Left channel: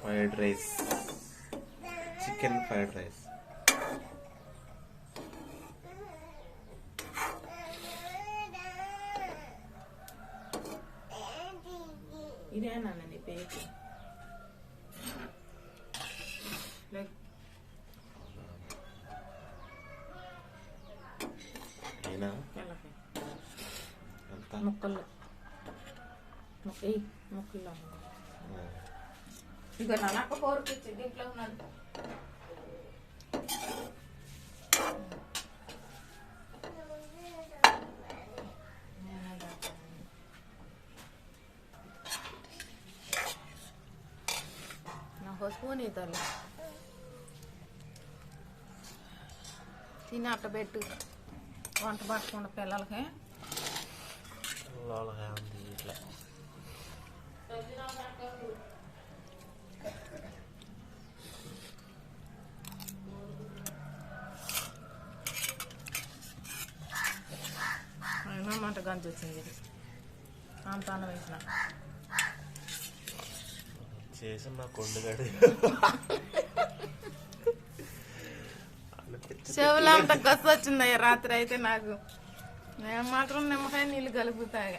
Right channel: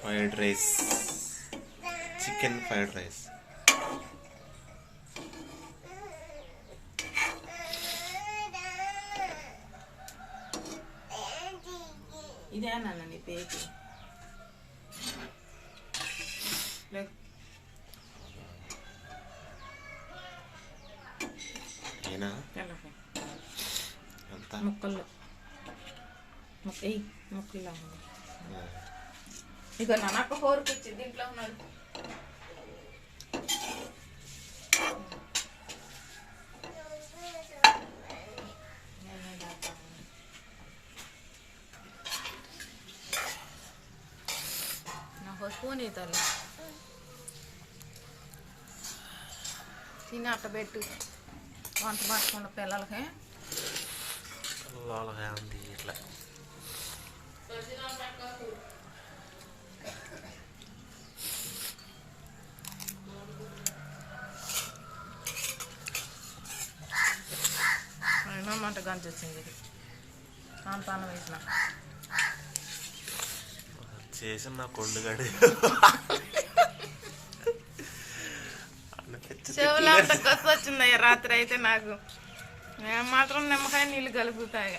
Fried rice, chicken fried rice. ఇదేనా నీ పేరు? ముక్కలు ముక్కలు ఇక నాకు కోరిక ఇచ్చి దీంట్లో ఉన్నాడు. నాకు స్పూన్ ఇతలు తిని అట్ట పెట్టు వంట పట్టుకున్న పిల్లలకి ఉంది ఇట్లా. మంట గంజ వచ్చింది పాన వేసిన చేసిన నా కొండగాడి చెవులు అంత కసి వచ్చిందయ్యా రాత్రి అయితే నాకు మాత్రం నిమ్మకాయ నీళ్ళు కలుపుతాయి.